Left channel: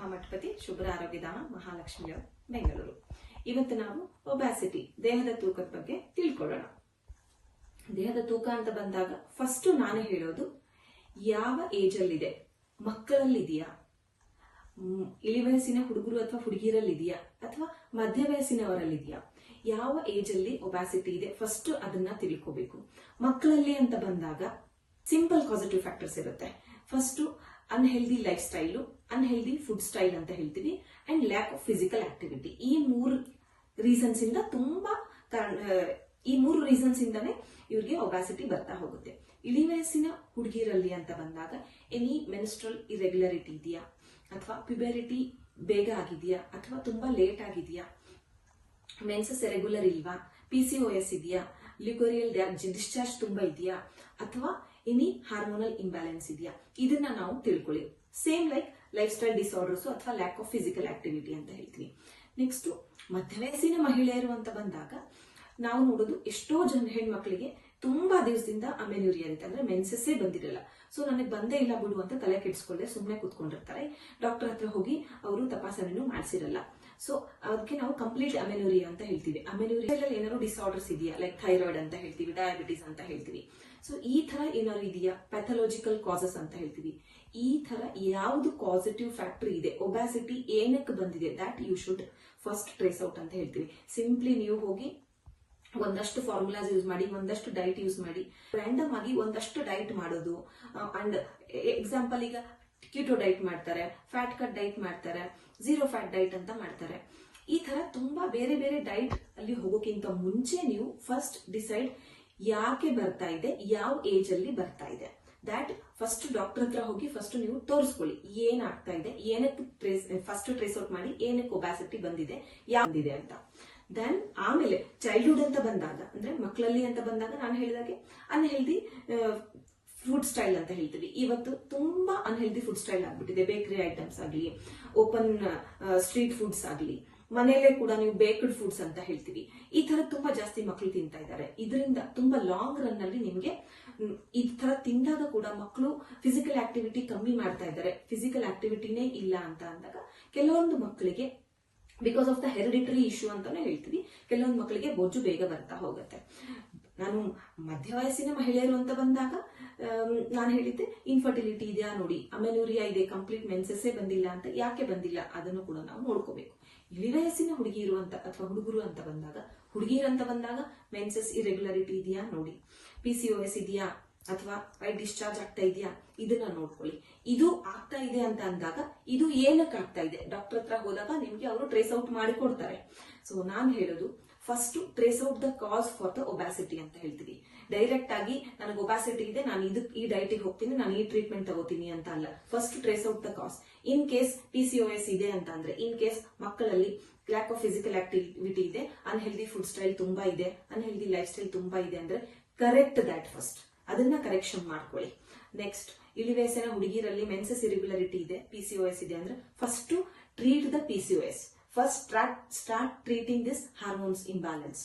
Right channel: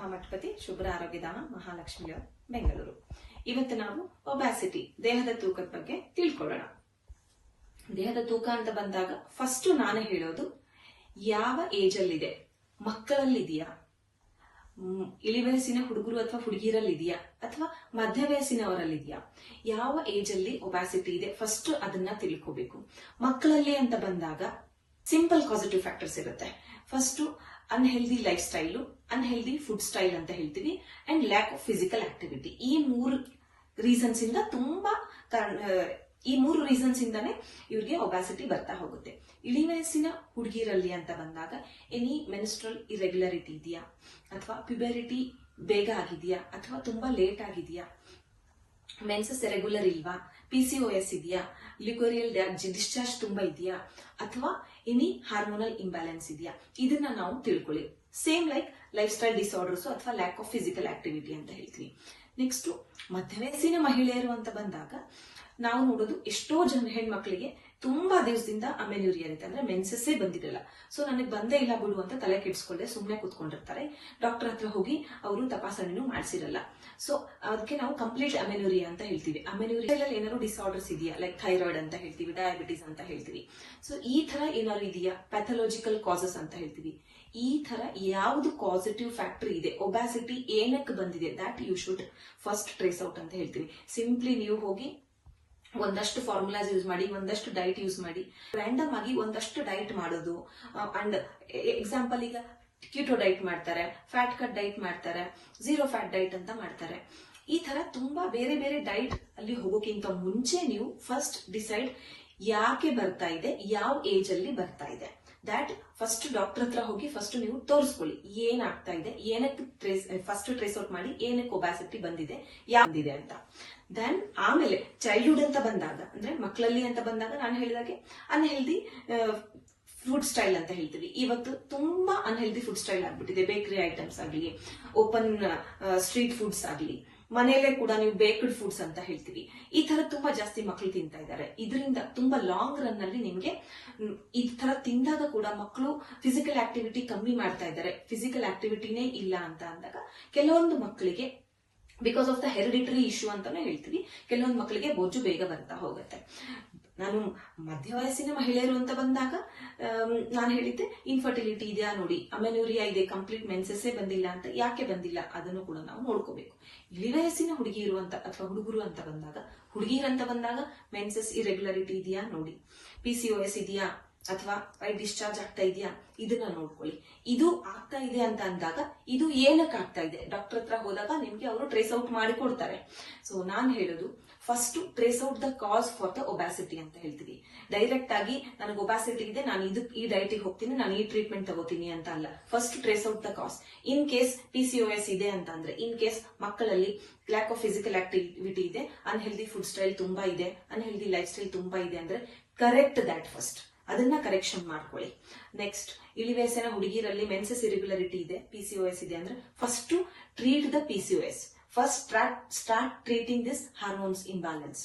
ಪ್ರಭಾ ಮಠಪತಿ ಶುಭ್ರ ಆರೋಗ್ಯಧಾಮ ಮಹಾಲಕ್ಷ್ಮಿ ಬೆಂಗಳೂರು. ಇವತ್ತು ನಾವು ಒಬ್ಯಾಸಿಟಿ ದೇಹದ ತೂಕದ ಬಗ್ಗೆ ತಿಳ್ಕೊಳ್ಳೋಣ. ದೇಹದ ತೂಕ ಅಂತ ಬಂದಾಗ ಫಸ್ಟ್ ನಾನೇ ಹೇಳೋದು, ಯಾವ ಏಜ್ ಅಲ್ಲಿದೆ, ಮಕ್ಕಳಲ್ಲಿದೆಯಾ, ಇಳಿವಯಸ್ಸಿನ ಹುಡುಗರು ಅಥವಾ ಹುಡುಗಿರಲ್ಲಿದೆಯಾ, ಅಥವಾ ಮಧ್ಯ ವಯಸ್ಸಿನವರಲ್ಲಿದೆಯಾ, ಯಾವ ಏಜ್ ಅಲ್ಲಿ ಒಬ್ಯಾಸಿಟಿ ಇದೆ ಫಸ್ಟ್ ಅದನ್ನ ತಿಳ್ಕೋಬೇಕು. ಮಕ್ಕಳಲ್ಲಿ ಅಂತ ಬಂದಾಗ ಸಿಂಪಲ್ ಪಾಸಿಟಿವ್ ಫ್ಯಾಕ್ಟರ್ಸ್ ಇರುತ್ತೆ. First unhealthy life style, unhealthy food style ಅಂತ ಹೇಳ್ತೀವಿ, and lack of physical activity. ಈ ಮೂರು ರೀಸನ್ಸ್ ಇಂದಾನೆ ಇವ್ರಿಗೆ ಒಬ್ಯಾಸಿಟಿ ಬರ್ತಾ ಹೋಗುತ್ತೆ. ಇಳಿವಯಸ್ಸಿನ ಹುಡುಗಿರಲ್ಲಿ ಅಂತ ಬಂದಾಗ ಎನಿ ಮೆನ್ಸ್ಟ್ರಲ್ ಇರೆಗ್ಯುಲರಿಟಿ ಇದೆಯಾ, ಅಥವಾ ಪ್ಯುಬೆರಿಟಿ ಬೇಗ ಆಗಿದೆಯಾ, ಅಥವಾ ತುಂಬಾ ಲೇಟ್ ಆಗಿದೆಯಾ, ಮೆನ್ಸಸ್ ರೆಗ್ಯುಲರ್ ಇಲ್ವಾ, PCOS ಇದೆಯಾ, ಲಿಕೋರಿಯಲ್ ಡಿಸ್ಚಾರ್ಜ್ ತುಂಬಾ ಇದೆಯಾ, ಅಥವಾ ಎನಿ ಹಾರ್ಮೋನಲ್ ಇಂಬ್ಯಾಲೆನ್ಸ್ ಇದೆಯಾ, ಇದನ್ನ ನಾವು ತಿಳ್ಕೊಳ್ಳಿ. Same like life style disorders ಅಥವಾ ಲ್ಯಾಕ್ ಆಫ್ ಫಿಸಿಕಲ್ ಆಕ್ಟಿವಿಟಿ ಅಂತ ಹೇಳ್ತೀವಿ. ನೆಕ್ಸ್ಟ್ ಮಧ್ಯವಯಸ್ಸಿನ ಮಹಿಳೆಯರು ಅಂತ ಬಂದಾಗ ನಾವು ನೋಡೋದು, ಎಷ್ಟೋ ಜನ ಹೆಣ್ಮಕ್ಳಿಗೆ ತುಂಬಾ ದಿವಸದಿಂದ ಅಮೆನ್ಯೂರಿಯಾ ಅಂತಂದ್ರೆ ಮೆನ್ಸಸ್ಸೇ ಬಂದಿರಲ್ಲ. ಸೊ ನನಗೆ ಬಂದೇ ಇಲ್ಲ ಬಿಡು ಅಂತ ತಲೆ ಕೆಡಿಸ್ಕೊಂಡೆ ಸುಮ್ಮನೆ ಕೂತ್ಕೊಂಡಿರ್ತಾರೆ. ಡಾಕ್ಟರ್ ಹತ್ರ ಹೋಗಿ ಅವರು ತಪಾಸಣೆನೂ ಮಾಡಿಸಿರಲ್ಲ. ಸೊ ಅದಕ್ಕೆ ನಾವು ಕಂಪ್ಲೀಟ್ ಅಮೆನ್ಯೂರಿಯಾ ಅಂತ ಹೇಳ್ತೀವಿ. ಅಮೆನ್ಯೂರಿಯಲ್ಲಿ ಏನಾದ್ರು ಡಿಸಾರ್ಡರ್ಸ್ ಇದೆಯಾ, ಲೈಕ್ ಥೈರಾಯ್ಡ್ ಅಂತ ಹೇಳ್ತೀವಿ, ಡಯಾಬಿಟಿಸ್ ಅಂತ ಹೇಳ್ತೀವಿ. ಸೊ ಈ ತರ ಏನಾದ್ರು ಇದೆಯಾ, ಪ್ಯಾಥಾಲಜಿಕಲ್ ಕಾಸಸ್ ಅಂತ ಹೇಳ್ತೀವಿ. ಈ ತರ ಯಾವ್ದು ಪಾಸಿಟಿವ್ ಫ್ಯಾಕ್ಟರ್ ಇದೆ, ಒಬ್ಯಾಸಿಟಿ ಏನಕ್ಕೆ ಬಂದಿದೆ, that you should first trace out ಅಂತ ಹೇಳ್ತೀವಿ. ಸಿಂಪ್ಲಿ ನೀವು ಹೋಗಿ ಒಂದಷ್ಟು ಫಾರ್ಮುಲಾಸ್ ಯೂಸ್ ಮಾಡಿ, ಒಂದಷ್ಟು ಡೈಟ್ ಯೂಸ್ ಮಾಡಿ, ರ್ಯಾಂಡಮ್ ಆಗಿ ಒಂದಷ್ಟು ಡೈಟ್ ಮಾಡೋದು. ಅಂಡ್ ಎಕ್ಸಾಂಪಲ್, ಈಗ ಕೀಟೋ ಡೈಟ್ ಮಾಡ್ತಾರೆ, ಫ್ಯಾಟ್ ಕಟ್ ಡೈಟ್ ಮಾಡ್ತಾರೆ, ಝೀರೋ ಫ್ಯಾಟ್ ಡೈಟ್ ಅಂತ ಮಾಡ್ತಾರೆ. ಈ ತರ ತುಂಬಾ ಬೇರೆ ಬೇರೆ ಡೈಟ್ ಅಲ್ಲಿ ಹೋಗೋಕ್ಕಿಂತ ಮುಂಚೆ ನೀವು ಫಸ್ಟ್ ಡಿಸೈಡ್ ಯಾಕೆ ಬರ್ತಾ ಇದೆ, ಯಾವ ಏಜ್ ಅಲ್ಲಿ ಬರ್ತಾ ಇದೆ, ದ್ಯಾಟ್ ಫಸ್ಟ್ ಡಾಕ್ಟರ್ ಹತ್ರ ಹೋಗಿ ಫಸ್ಟ್ ನೀವು ತೋರಿಸ್ಕೊಳ್ಳಿ. ಏನಾಗ್ತಾ ಇದೆ, ಏನಕ್ಕೆ ಫಸ್ಟ್ ಟ್ರೇಸ್ ಔಟ್ ಮಾಡಿ, ಏನಕ್ಕೆ ಒಬ್ಯಾಸಿಟಿ ಬಂದಿದೆ, ಯಾವ್ದಿದೆ ಅಂತ. ದೆನ್ ಆಮೇಲೆ ಚೈಲ್ಡ್ಹುಡ್ ಅಂತ ಬಂದಾಗ, ಅಂದ್ರೆ ಮಕ್ಕಳಲ್ಲಿ ಅಂತ ಬಂದಾಗ ನಾನು ಹೇಳಿದಾಗೆ ಅನ್ಹೆಲ್ದಿ ಫುಡ್ ಸ್ಟೈಲ್ ಅಂತ ಹೇಳ್ತೀವಿ. ಇವತ್ತು ತುಂಬಾ ಅನ್ಹೆಲ್ದಿ ಫುಡ್ ಸ್ಟೈಲ್ ಆಗ್ಬಿಟ್ಟಿದೆ. ಬೇಕರಿ ಐಟಮ್ಸ್ ಆಗ್ಲಿ, ಓಪನ್ ಸ್ಟ್ರೀಟ್ ಫುಡ್ಸ್ ಆಗ್ಲಿ, ಮನೆಯಲ್ಲೇ ಕೂಡ ನೀವು ಬೇಕ್ಡ್ ಫುಡ್ಸ್ ಅಂತ ಹೇಳ್ತೀವಿ. ಈ ತರ ತುಂಬಾ ಜಾಸ್ತಿ ಮಕ್ಕಳು ತಿಂತಾ ಇದ್ದಾರೆ. ಇದರಿಂದ ತುಂಬಾ ಲಾಂಗ್ ರನ್ ಅಲ್ಲಿ ನಿಮ್ಗೆ ಈ ತರ ತಿಂದಾಗ ಕೂಡ ಮಕ್ಕಳು ಫಿಸಿಕಲ್ ಆಕ್ಟಿವಿಟಿ ಕಮ್ಮಿ ಮಾಡ್ತಾ ಇದ್ದಾರೆ. ಫಿಸಿಕಲ್ ಆಕ್ಟಿವಿಟಿನೇ ಇಲ್ಲ ಅಂತ ಅಂದಾಗ ಕೆಲವೊಂದು ಮಕ್ಕಳಿಗೆ because of the hereditary issue ಅಂತಾನೆ ಹೇಳ್ತೀವಿ, ಕೆಲವೊಂದು ಮಕ್ಕಳಿಗೆ ಬೊಜ್ಜು ಬೇಗ ಬರ್ತಾ ಹೋಗುತ್ತೆ. ನಾನು ಮಧ್ಯ ವಯಸ್ಸಿನ ಮಹಿಳೆಯರು ಅಂತ ಬಂದಾಗ ನಾನು ಹೇಳಿದ್ದೆ, ಇನ್ಫರ್ಟಿಲಿಟಿ ಇದೆಯಾ ನೋಡಿ, ಅಮೆನ್ಯೂರಿಯಾ ಇದೆ, ಕಂಪ್ಲೀಟ್ ಮೆನ್ಸಸ್ಸೇ ಬಂದಿಲ್ಲ ಅಂತ. ಯಾಕೆ ಬಂದಿಲ್ಲ ಅದನ್ನು ಕೂಡ ನಾವು ನೋಡ್ಕೋಬೇಕು. ಇಳಿವಯಸ್ಸಿನ ಹುಡುಗಿರು ಅಂತ ಅಥವಾ ಹುಡುಗರು ಅಂತ ಬಂದಾಗ, ಹುಡುಗಿಯರಂತ ಬಂದಾಗ ಮೆನ್ಸಸ್ ಇರೆಗ್ಯುಲರಿಟಿ ಇದೆಯಾ ನೋಡಿ, PCOS ಇದೆಯಾ, ಅಥವಾ ವೈಟ್ ಡಿಸ್ಚಾರ್ಜ್ ಆಗ್ತಾ ಇದೆಯಾ, ಇದನ್ನ ನೋಡ್ಕೊಳ್ಳಿ. ಇದು ಆಗ್ತಾ ಇದೆ ಅಂತ ಅಂದಾಗ ಇದು ಏನಕ್ಕೆ ಆಗ್ತಾ ಇದೆ, ಡಾಕ್ಟರ್ ಹತ್ರ ಹೋದಾಗ ನಿಮ್ಗೆ ಅವರು ಟ್ರೇಸ್ ಔಟ್ ಮಾಡಿ ಕೊಡ್ತಾರೆ. ಸೊ ನಾನ್ ಹೇಳೋದು, first trace out the cause for the ಒಬ್ಯಾಸಿಟಿ ಅಂತ ಹೇಳ್ತೀವಿ. ಡೈರೆಕ್ಟ್ ಆಗಿ ನನಗೆ ಒಬ್ಯಾಸಿಟಿ ಇದೆ, ನಾನು ಈ ಡೈಟಿಗೆ ಹೋಗ್ತೀನಿ, ನಾನು ಈ ಟ್ರೀಟ್ಮೆಂಟ್ ತಗೋತೀನಿ ಅಂತ ಅಲ್ಲ. First trace out the cos. In case PCOS ಇದೆ ಅಂತ ಅಂದ್ರೆ, ಇನ್ ಕೇಸ್ ಮಕ್ಕಳಲ್ಲಿ ಲ್ಯಾಕ್ ಆಫ್ ಫಿಸಿಕಲ್ ಆಕ್ಟಿವಿಟಿ ಇದೆ, ಅನ್ಹೆಲ್ದಿ ಫುಡ್ ಸ್ಟೈಲ್ ತುಂಬಾ ಇದೆ, ಅನ್ಹೆಲ್ದಿ ಲೈಫ್ ಸ್ಟೈಲ್ ತುಂಬಾ ಇದೆ ಅಂದ್ರೆ ಕರೆಕ್ಟ್ ದ್ಯಾಟ್ ಫಸ್ಟ್. ಅದನ್ನ ಕರೆಕ್ಷನ್ ಮಾಡ್ಕೊಳ್ಳಿ. ನೆಕ್ಸ್ಟ್, ಇಳಿವಯಸ್ಸಿನ ಹುಡುಗಿರಲ್ಲಿ ಮೆನ್ಸಸ್ ಇರೆಗ್ಯುಲರಿಟಿ ಇದೆ, PCOS ಇದೆ ಅಂದ್ರೆ first treat the PCOS. First start treating this hormones imbalance.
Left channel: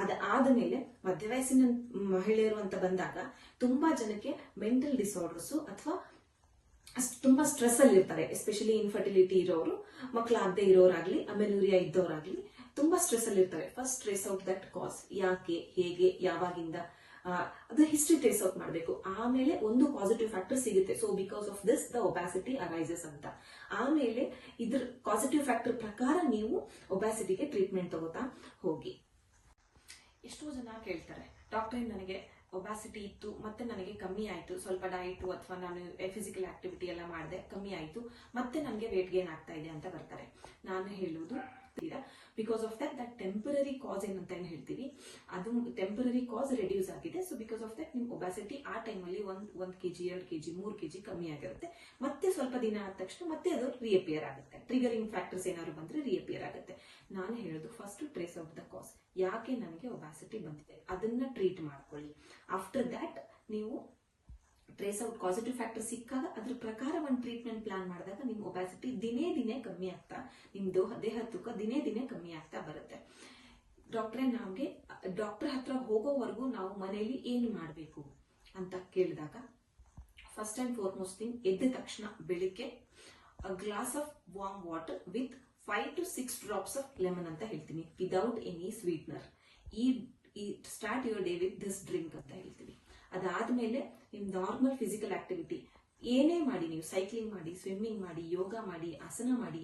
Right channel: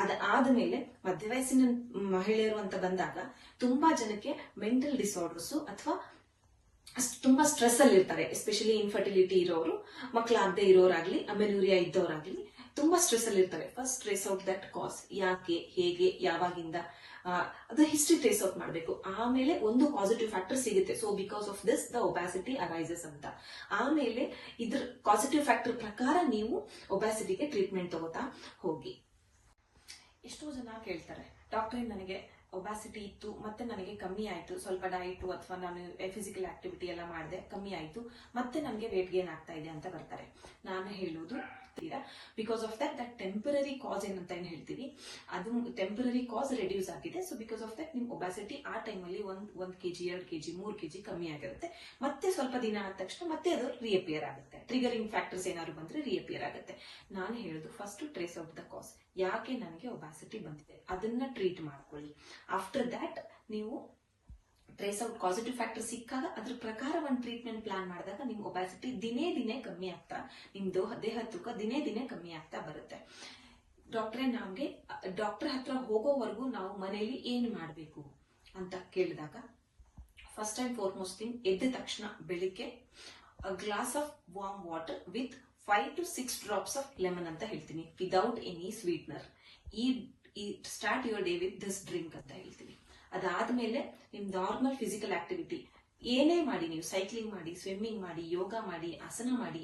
ಅದಾದ ಮೇಲೆ ಮಧ್ಯ ವಯಸ್ಸಿನ ಮಹಿಳೆಯರು ಅಂತ ಬಂದಾಗ ತುಂಬಾ ಜನಕ್ಕೆ ಮೆಂಟಲ್ ಡಿಸಾರ್ಡರ್ಸ್ ಅಥವಾ ತುಂಬಾ ಸ್ಟ್ರೆಸ್ ಅಲ್ಲಿ ಇರ್ತಾರೆ. ಎಸ್ಪೆಷಲಿ ಇನ್ಫರ್ಟಿಲಿಟಿ ಇರೋರು, ಮಕ್ಕಳಾಗದೆ ಇರೋರಾಗ್ಲಿ, ಅಮೆನ್ಯೂರಿಯಾ ಇದ್ದವರಾಗ್ಲಿ ತುಂಬಾ ಸ್ಟ್ರೆಸ್ ಅಲ್ಲಿ ಇರ್ತಾರೆ. ಫಸ್ಟ್ ಟ್ರೇಸ್ ಔಟ್ ದಟ್ ಕಾಸ್, ಯಾಕೆ, ಹೇಗೆ, ಯಾವಾಗಿಂದ, ಅದು ಹಿಸ್ಟ್ರಿ ಟ್ರೇಸ್ ಔಟ್ ಮಾಡಬೇಕು. ಆಮೇಲೆ ಒಂದು ಪಾಸಿಟಿವ್ ಫ್ಯಾಕ್ಟರ್ ಸಿಗುತ್ತೆ. So because of this the ಒಬ್ಯಾಸಿಟಿ arises ಅಂತ. ಆಮೇಲೆ ಇದ್ರ ಪಾಸಿಟಿವ್ ಫ್ಯಾಕ್ಟರ್ ಪ್ರಕಾರ ನೀವು ಒಬ್ಯಾಸಿಟಿಗೆ ಟ್ರೀಟ್ಮೆಂಟ್ ತಗೋತಾ ಹೋಗಿ. ಎಷ್ಟೋ ಜನ ಕೇಳ್ತಾರೆ, ಡಾಕ್ಟರ್ ನನಗೆ ಒಬ್ಯಾಸಿಟಿ ಇತ್ತು, ಮತ್ತೆ ನನಗೆ ಕಮ್ಮಿ ಆಯ್ತು, ಸ್ವಲ್ಪ ಡಯಟು ಅಥವಾ ನಾನು ಫಿಸಿಕಲ್ ಆಕ್ಟಿವಿಟಿ ಎಲ್ಲ ಮಾಡಿದೆ, ಕಮ್ಮಿ ಆಯ್ತು, ಮತ್ತೆ ನನಗೆ ವೇಟ್ ಗೇನ್ ಆಗ್ತಾ ಇದೆ ಅಂತ ಬರ್ತಾರೆ. ನಾನು ಹೇಳೋದು, ಬಿಕಾಸ್ ಆಫ್ ದಟ್ ಟೆಂಪರರಿ ಕಾಸ್ ಏನಂತ ಏನ್ ಹೇಳ್ತೀವಿ, ಅದು ಟೆಂಪರರಿ ಕಾಸ್ ರೆಡ್ಯೂಸ್ ಆಗಿದೆ. ಸೊ ಬಿಕಾಸ್ ಆಫ್ ದಟ್ ನಿಮ್ ಒಬ್ಯಾಸಿಟಿ ಆ ಟೈಮಲ್ಲಿ 1 kg 2 kg 3 kg ಕಮ್ಮಿ ಆಗಿರುತ್ತೆ. ಮತ್ತೆ ಸ್ವಲ್ಪ ದಿನ ಆದ ತಕ್ಷಣ ಮತ್ತೆ ಅದು ರಿಅಪಿಯರ್ ಆಗುತ್ತೆ. ಟ್ರಿಗರಿಂಗ್ ಫ್ಯಾಕ್ಟರ್ಸ್ ಏನಾದ್ರು ಬಂದ್ರೆ ರಿಅಪಿಯರ್ ಆಗುತ್ತೆ. ನಾನು ಹೇಳೋದು, ಫಸ್ಟ್ ಟ್ರೇಸ್ ಔಟ್ ದ ಕಾಸ್. ಯಾಕೆ ನನಗೆ ಒಬ್ಯಾಸಿಟಿ ಬಂದಿದೆ ಅದನ್ನ ಟ್ರೀಟ್ ಮಾಡ್ಕೊಳ್ಳಿ. ಆಫ್ಟರ್ ದ್ಯಾಟ್ ನೀವು ಟ್ರೇಸ್ ಔಟ್ ಪಾಸಿಟಿವ್ ಫ್ಯಾಕ್ಟರ್ ಸಿಕ್ಕಾಗ ಅದ್ರ ಪ್ರಕಾರ ಒಂದು ಟ್ರೀಟ್ಮೆಂಟ್ ಪ್ಲಾನ್ ಮಾಡಿದಾಗ ನಿಮ್ ಒಬ್ಯಾಸಿಟಿ ದಿನೇ ದಿನೇ ಕಮ್ಮಿ ಆಗ್ತಾ, ನಿಮ್ ದೇಹ ತೂಕ ದಿನೇ ದಿನೇ ಕಮ್ಮಿ ಆಗ್ತಾ ಬರುತ್ತೆ. ಡಾಕ್ಟರ್ ಹತ್ರ ಹೋಗೋವರೆಗೂ ನಾವು ಮನೆಯಲ್ಲಿ ಏನ್ ಮಾಡ್ಬೇಕು ಅಂತ ಕೇಳಿದಾಗ, ಫಸ್ಟ್ ಅಂಡ್ ಫಾರ್ಮೋಸ್ಟ್ ಥಿಂಗ್, ಎದ್ದ ತಕ್ಷಣ ಬೆಳಿಗ್ಗೆ glass of warm water with 5 to 6 drops of lemon ಅಂತ ಹೇಳ್ತೀನಿ, ವಿದೌಟ್ ಎನಿ ಸ್ವೀಟ್ನರ್. ಈ start your day with this drink ಅಂತ ಹೇಳ್ತೀನಿ. ಅದಾದ್ಮೇಲೆ ನಿಮ್ ನಾರ್ಮಲ್ ಫಿಸಿಕಲ್ ಆಕ್ಟಿವಿಟಿ ಏನೇ ಮಾಡಿ, ನೀವು ಸೈಕ್ಲಿಂಗ್ ಮಾಡಿ, ಸ್ವಿಮ್ಮಿಂಗ್ ಮಾಡಿ, ಯೋಗ ಮಾಡಿ, ಆಸನ ಮಾಡಿ,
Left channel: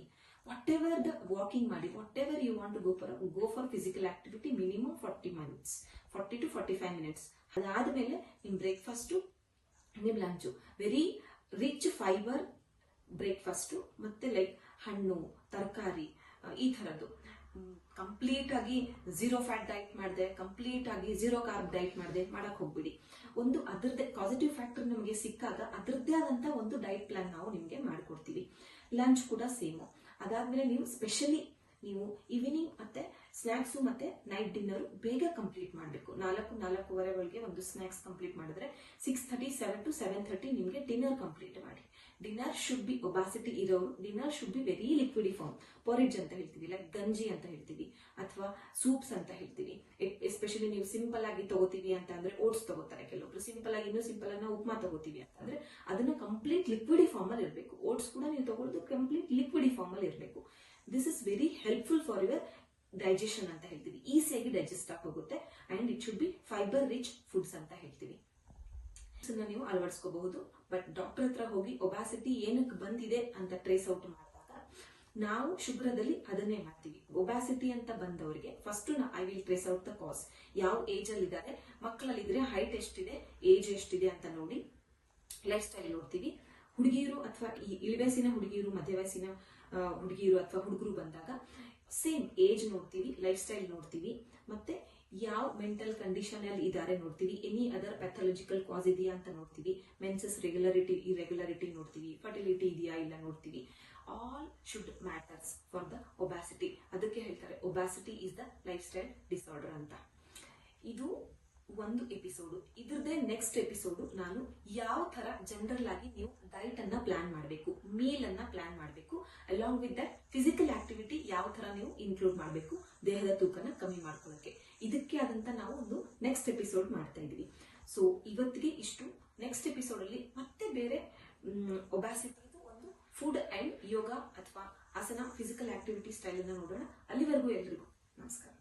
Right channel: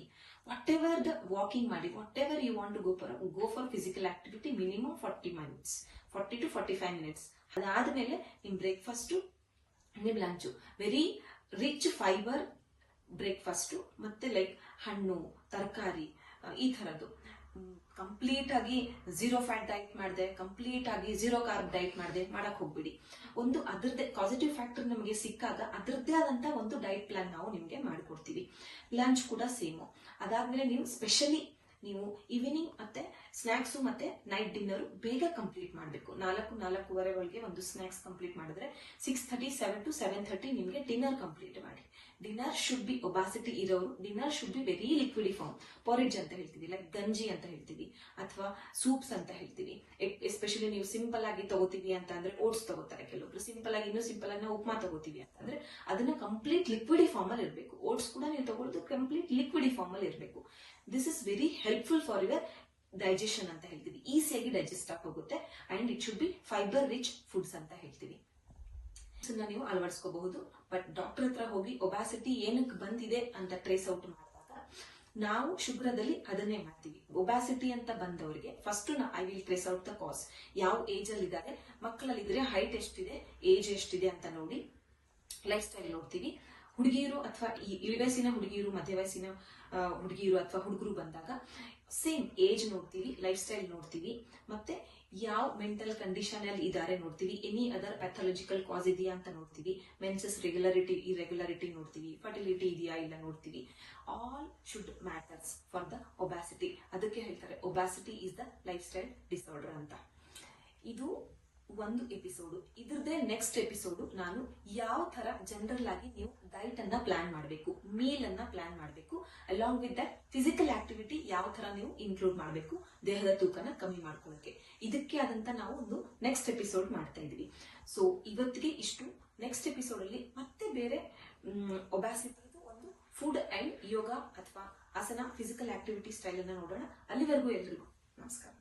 ವಾಟ್ ಎವರ್ ದ ವಾಕಿಂಗ್ ಮಾಡಿ, whatever you want to go for physical activity, minimum 40 to 45 minutes. ಅದಾದ್ಮೇಲೆ ನಿಮ್ ಬ್ರೇಕ್ಫಾಸ್ಟ್, ನಿಮ್ lunch very rich fibre breakfast, ಮತ್ತೆ ಲೈಕ್ ಹಣ್ಣು, ತರಕಾರಿ, ಈ ತರದ್ದು. ಕಂಪ್ಲೀಟ್ ಆಗಿ ಝೀರೋ ಫ್ಯಾಟ್ ಡೈಟ್ ಮಾಡಿದೆ, ಕಂಪ್ಲೀಟ್ ಆಗಿ ಝೀರೋ ಕಾರ್ಬ್ ಡೈಟ್ ಮಾಡಿದೆ ಮಾಡಕ್ ಹೋಗ್ಬಿಡಿ. ಒಂದು ಅದರದ್ದೇ ಪಾಸಿಟಿವ್ ಫ್ಯಾಕ್ಟರ್ ನಮಗೆ ಸಿಕ್ಕಾಗ ಅದರದ್ದೇ ಆದಂತ ಒಂದು ಡೈಟ್ ಪ್ಲಾನ್ ನಾವು ನಿಮ್ಗೆ ಮಾಡ್ಕೊಡ್ತೀವಿ. ಲಂಚ್ ಕೂಡ ಸೇಮು. ಅದಾದ್ಮೇಲೆ ನೀವು ಸ್ಪೆಷಲಿ ನೀವು ಈವ್ನಿಂಗ್ ಮತ್ತೆ ಸ್ನಾಕ್ಸ್ ಮತ್ತೆ ನೈಟ್ ಡಿನ್ನರ್ ಬೇಗ ಕಂಪ್ಲೀಟ್ ಮಾಡಬೇಕು. 4-4:15 ಒಳಗೆ ಒಂದು ಸ್ನಾಕ್ಸ್ ಕಂಪ್ಲೀಟ್ ಮಾಡಿದ್ರೆ 6:30, 7 to 7:30 ನಿಮ್ಗೆ ಡಿನ್ನರ್ ಕಂಪ್ಲೀಟ್ ಮಾಡಿ. ಡಿನ್ನರ್ ಶುಡ್ ಬಿ, ಒಬಾಸಿಟಿ ಇರೋರು ಡಿನ್ನರ್ ಶುಡ್ ಬಿ ವೆರಿ ಲಿಕ್ವಿಡಿಫಾರ್ಮ್. ಪೊರಿಜ್ ಅಂತ ಹೇಳ್ತೀವಿ, ಲೈಕ್ ಗಂಜಿ ಅಂತ ಹೇಳ್ತೀವಿ, ಅಥವಾ ಸೂಪ್ಸ್ ಅಂತ ಹೇಳ್ತೀವಿ. ಎಸ್ಪೆಷಲಿ ನೀವು ಸಿಂಪಲ್ ಆಗಿ ತಗೋತೀವಿ ಅಂತ ಅಂದ್ರೆ ಓಟ್ಸ್ ತಗೋತಾರೆ ಕೆಲವೊಬ್ರು, ಸಿಂಪಲ್ ಆಗಿ ಇನ್ನೂ ಸಿಂಪಲ್ ಆಗಿ ಉಪ್ಮಾ ತಗೋತೀವಿ ಅಂತಂದ್ರೆ ಅದನ್ನ ಕಂಪ್ಲೀಟ್ ಲಿಕ್ವಿಡಿ ಫಾರ್ಮ್ ಅಲ್ಲಿ ಇರಬೇಕು. ಓಟ್ಸ್ ಕೂಡ ನೀವು ತಗೊಳ್ಳೋದು ಕಂಪ್ಲೀಟ್ ಲಿಕ್ವಿಡಿ ಫಾರ್ಮ್ ಅಲ್ಲಿ ಇರಬೇಕು. This is very helpful for your digestion ಅಂತ ಹೇಳ್ತೀವಿ. ಈಸಿಯಾಗಿ ಡೈಜೆಸ್ಟ್ ಆಗಿ ಹೋಗುತ್ತೆ. And it should be fibre rich foods ಅಂತ ಹೇಳ್ತೀವಿ. ನೀವು ಅಳವಡಿಸ್ಕೋಬಹುದು. ಬಟ್ ಡಾಕ್ಟರ್ ಹತ್ರ ಹೋಗಿ ಒಬಾಸಿಟಿ ಏನಕ್ಕೆ ಬಂದಿದೆ ಅಂತ ಟ್ರೇಸ್ ಔಟ್ ಮಾಡಿದಾಗ ನಾವು ಶುಭ್ರದಲ್ಲಿ ಅದನ್ನೇ ಮಾಡ್ತೀವಿ. ಒಬಾಸಿಟಿ ಅಂತ ಬಂದವರಿಗೆ first I will trace out the ಕಾಸ್. ಯಾವ ಏಜ್ ಅಲ್ಲಿ ಇದ್ದಾರೆ, ಮಕ್ಕಳಲ್ಲಿದ್ರೆ ಹೈಟ್ ಎಷ್ಟಿದೆ, ಏಜ್ ಎಷ್ಟಿದೆ ಅಂತ ನೋಡಿ ಲೈಫ್ ಸ್ಟೈಲ್ ನೋಡ್ತೀವಿ. ಹುಡುಗಿಯರು ಅಥವಾ ಇಳಿವಯಸ್ಸಿನ ಹುಡುಗಿಯರು, ಮಧ್ಯ ವಯಸ್ಸಿನ ಹುಡುಗಿಯರು ಅಥವಾ ಹುಡುಗರು ಬಂದಾಗ ಸೇಮ್ ಏಜ್ ನೋಡ್ತೀವಿ, ಲೈಫ್ ಸ್ಟೈಲ್ ನೋಡ್ತೀವಿ, ಮತ್ತೆ ಯಾವ ಮೆಂಟಲ್ ಕಂಡೀಷನ್ ಅಲ್ಲಿ ಇದಾರೆ ನೋಡ್ತೀವಿ, ಎನಿ ಅದರ್ ಪ್ಯಾಥಾಲಜಿಕಲ್ ಕಾಸ್ ಇದೆಯಾ ಅಂತ ನೋಡ್ತೀವಿ, ಮೆನ್ಸಸ್ ರೆಗ್ಯುಲಾರಿಟಿ ಇರೆಗ್ಯುಲಾರಿಟಿ ನೋಡ್ತೀವಿ, ಫರ್ಟಿಲಿಟಿ ಇದೆಯಾ ಇಲ್ಲ ನೋಡ್ತೀವಿ. All should matters for the obesity. ಅದಕ್ಕೆ ಹೇಳ್ತಾರೆ obesity is the lifestyle disorder ಅಂತ. ಇದು ಒಂದು ಎಪಿಸೋಡ್. ಇದ್ರದ್ದೇ ನೆಕ್ಸ್ಟ್ ಎಪಿಸೋಡ್ ನಾನು ಯಾವ ತರ ಜನರಲ್ ಆಗಿ ನೀವು ಡೈಟ್ ಅನ್ನ ಪ್ಲಾನ್ ಮಾಡಬೇಕು, ಮೀಲ್ ಅನ್ನ ಪ್ಲಾನ್ ಮಾಡಬೇಕು, along with that physical activity ಯಾವ ತರ ನೀವು ಇನ್ಕ್ಲೂಡ್ ಮಾಡಬೇಕು ದೇಹದ ತೂಕನ ಕಮ್ಮಿ ಮಾಡ್ಕೊಳ್ಳೋಕೆ. ಇದಕ್ಕೆ ಆದಂತ ನಾವು ಒಂದು ನೆಕ್ಸ್ಟ್ ಎಪಿಸೋಡ್ ಮಾಡ್ತಾ ಇದೀವಿ. ಸೊ ಇವತ್ತಿಗೆ ಇಷ್ಟು. ನೆಕ್ಸ್ಟ್ ಎಪಿಸೋಡ್ ಅಲ್ಲಿ ಮತ್ತೆ ಬೇರೆ ಒಬಾಸಿಟಿ ಒಂದು ಫುಡ್ ಅಂಡ್ ಯೋಗ ಅಥವಾ ಆಸನ ಫಿಸಿಕಲ್ ಆಕ್ಟಿವಿಟಿ ಸ್ಟೈಲ್ ಅನ್ನ ನೋಡೋಣ. ಅಲ್ಲಿವರೆಗೂ ಎಲ್ರಿಗೂ ನಮಸ್ಕಾರ.